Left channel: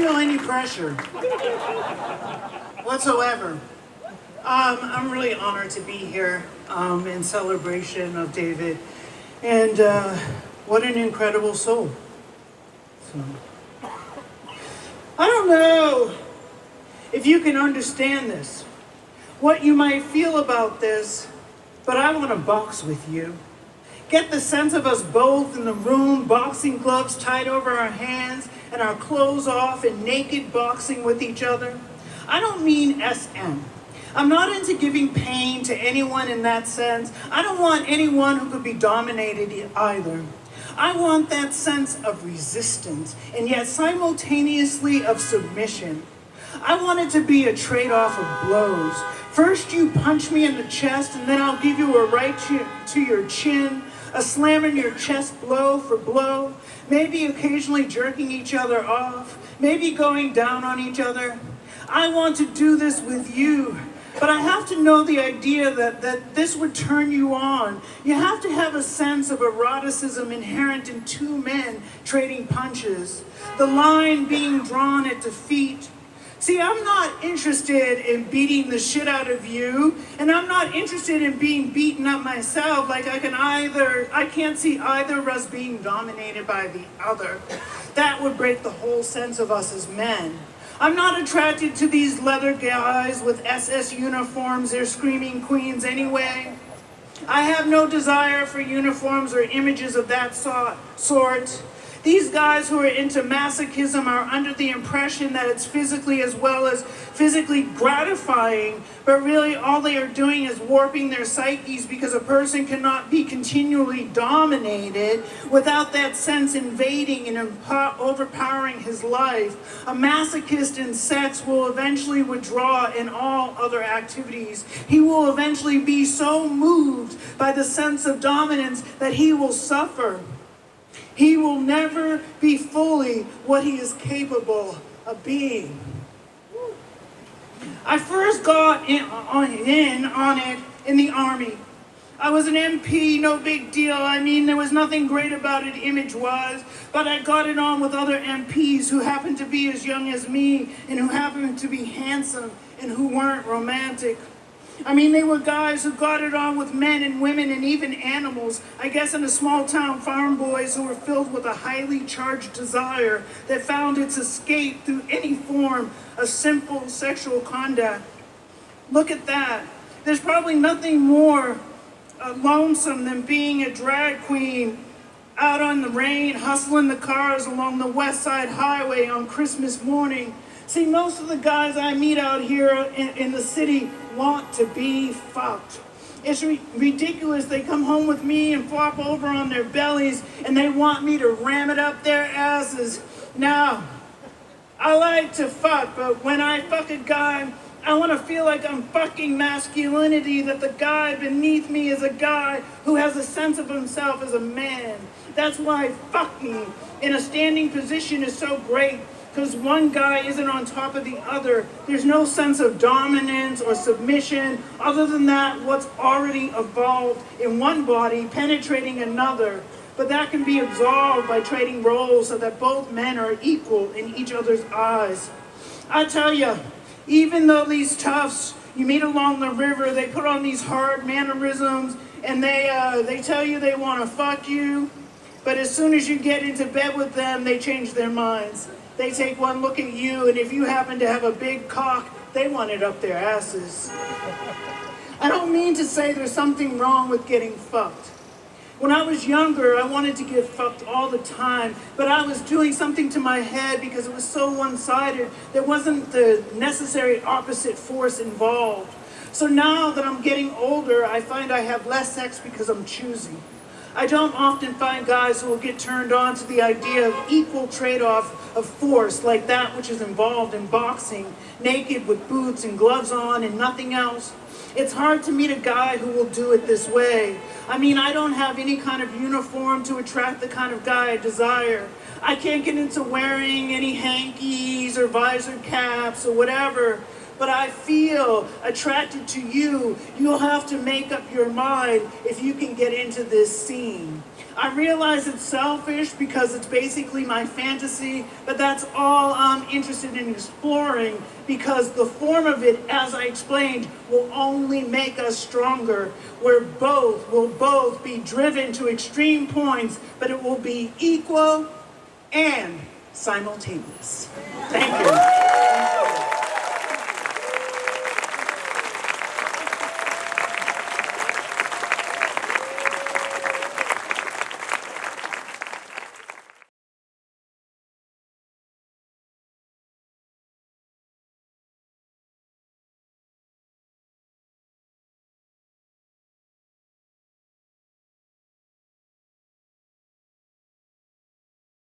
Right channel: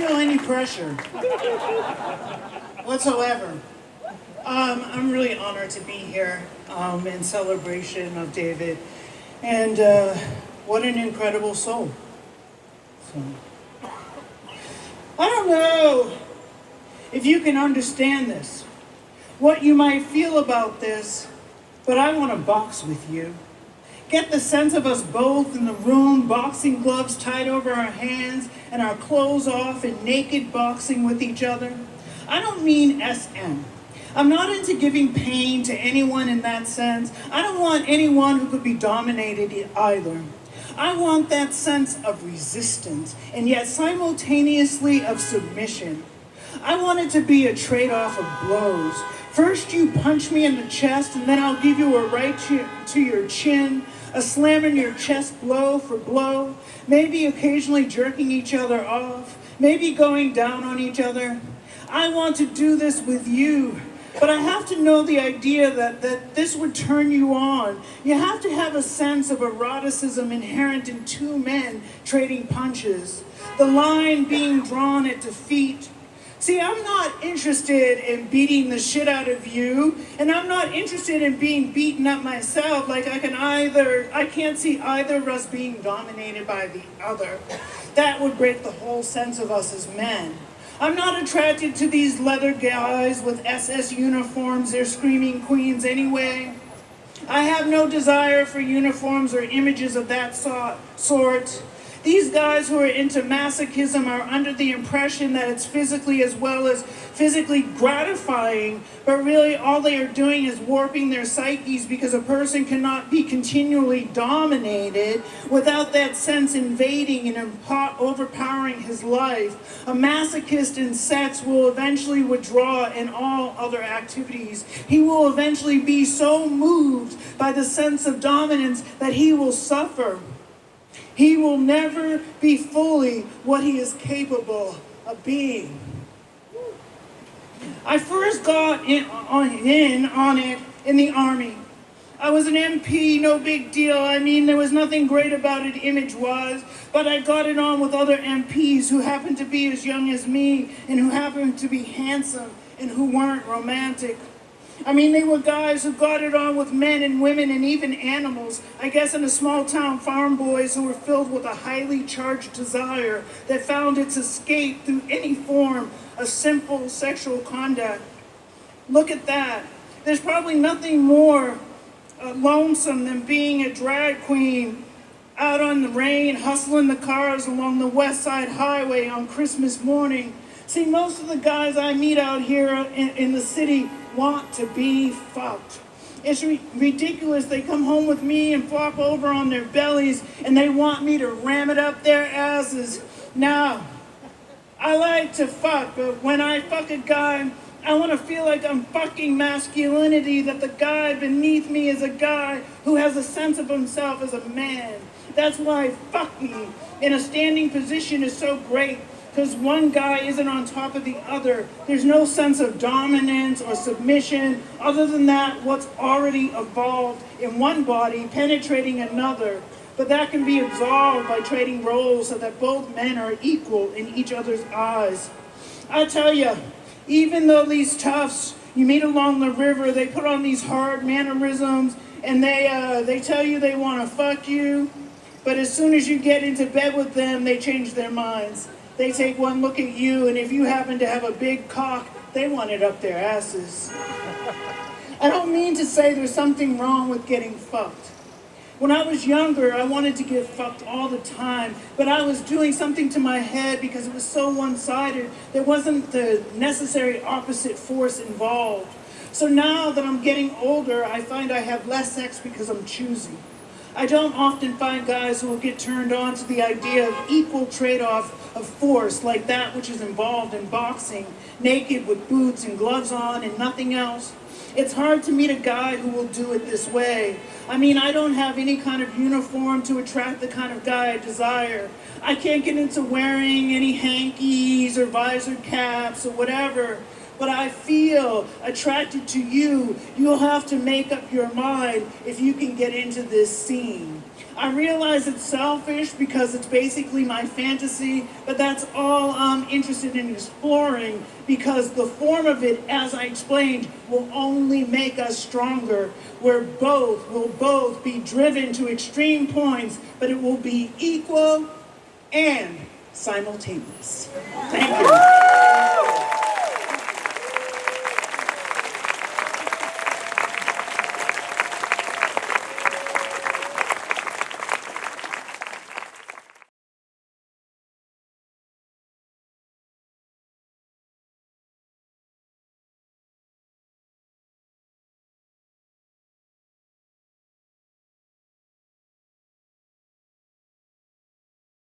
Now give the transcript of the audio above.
feel any pressure whatsoever. I'm really honored to be here in celebration of David, and what an incredible soul. So, I don't know if you can understand this, what you might feel about this, but I want to box with you. Get the sense of us both in the room, boxing gloves tied over our hands and our clothes off and naked boxing with each other. I don't mean SM. I'm not into giving pain to anyone in that sense. I don't want anyone who could be dominated either. I want that sense of resistance and yet simultaneously of submission. I want it to be a trade-off of blows. First you punch me in the chest and then I'll give you a right to your chin, a slam in your chest blow for blow, maybe occasionally jerking each other off, maybe going down on each other. I want to do this with you, but I have to know the idea that this would turn you on. You have to have a sense of eroticism inherent in two men trading punches, the line being drawn at defeat. See, I'm not interested in beating the shit out of you, and I'm not interested in being beaten up myself. Like I can't see either of us being dominated by the other. That would break the whole sense of us as men. I'm not attracted to these leather guys with SS uniforms. They're screaming queens anyway. I have no desire for uniforms or images of that sort. These guys who are into masochism are under the impression that it's physically as well as physically gratifying, but really all they are doing is warping their psyches because a person cannot be continually dominated without that sense invading and overpowering his life. A masochist in sex will eventually withdraw in all other activities. He will eventually be so moved by the sense of dominance that he will suffer. He will never be fully what he is capable of being. I first got in on it in the Army. I was an MP, no big deal. I mean, there was nothing great about it image-wise, but I got it on with other MPs who happened to be as young as me and who happened to be handsome and who weren't romantic. I mean, they were guys who got it on with men and women and even animals. I guess in a small town, farm boys who were filled with a highly charged desire that found its escape through any form of simple sexual conduct. Look at that. There's probably nothing more lonesome than being a drag queen out on the rain, hustling the cars along the West Side Highway on Christmas morning. See, most of the guys I meet out here in the city want to be fucked. It's ridiculous. They come home with me and flop over on their bellies and they want me to ram it up their asses. Now, I like to fuck, but when I fuck a guy, I want to feel like I'm fucking masculinity, that the guy beneath me is a guy who has a sense of himself as a man. That's why fucking in a standing position is so great. Because one guy isn't on top of the other. There's no sense of dominance or submission other than that what's already evolved in one body penetrating another. But that can be absolved by trading roles so that both men are equal in each other's eyes. I tell you, even though these toughs you meet along the river, they put on these hard mannerisms and they tell you they want to fuck you. But as soon as you get into bed with them, they change their minds. They take one look at you, and if you happen to have a big cock, they want it up their asses. I don't mean to say there's something wrong with getting fucked. When I was younger, I wanted to get fucked all the time, but I was doing something to my head because it was so one-sided. There wasn't the necessary opposite force involved. So now that I'm getting older, I find I have less sex because I'm choosing. I don't often find guys who will get turned on to the idea of equal trade-off of force like that which is involved in boxing, naked with boots and gloves on and nothing else. It's hard to meet a guy who will do it this way. I mean, I don't have any kind of uniform to attract the kind of guy I desire. I can't get into wearing any hankies or visor caps or whatever. But I feel attracted to you. You'll have to make up your mind if you can get into this scene. I realize it's selfish because it's basically my fantasy, but that's all I'm interested in exploring because the form of it, as I explained, will only make us stronger. We'll both be driven to extreme points, but it will be equal and simultaneous. Thank you.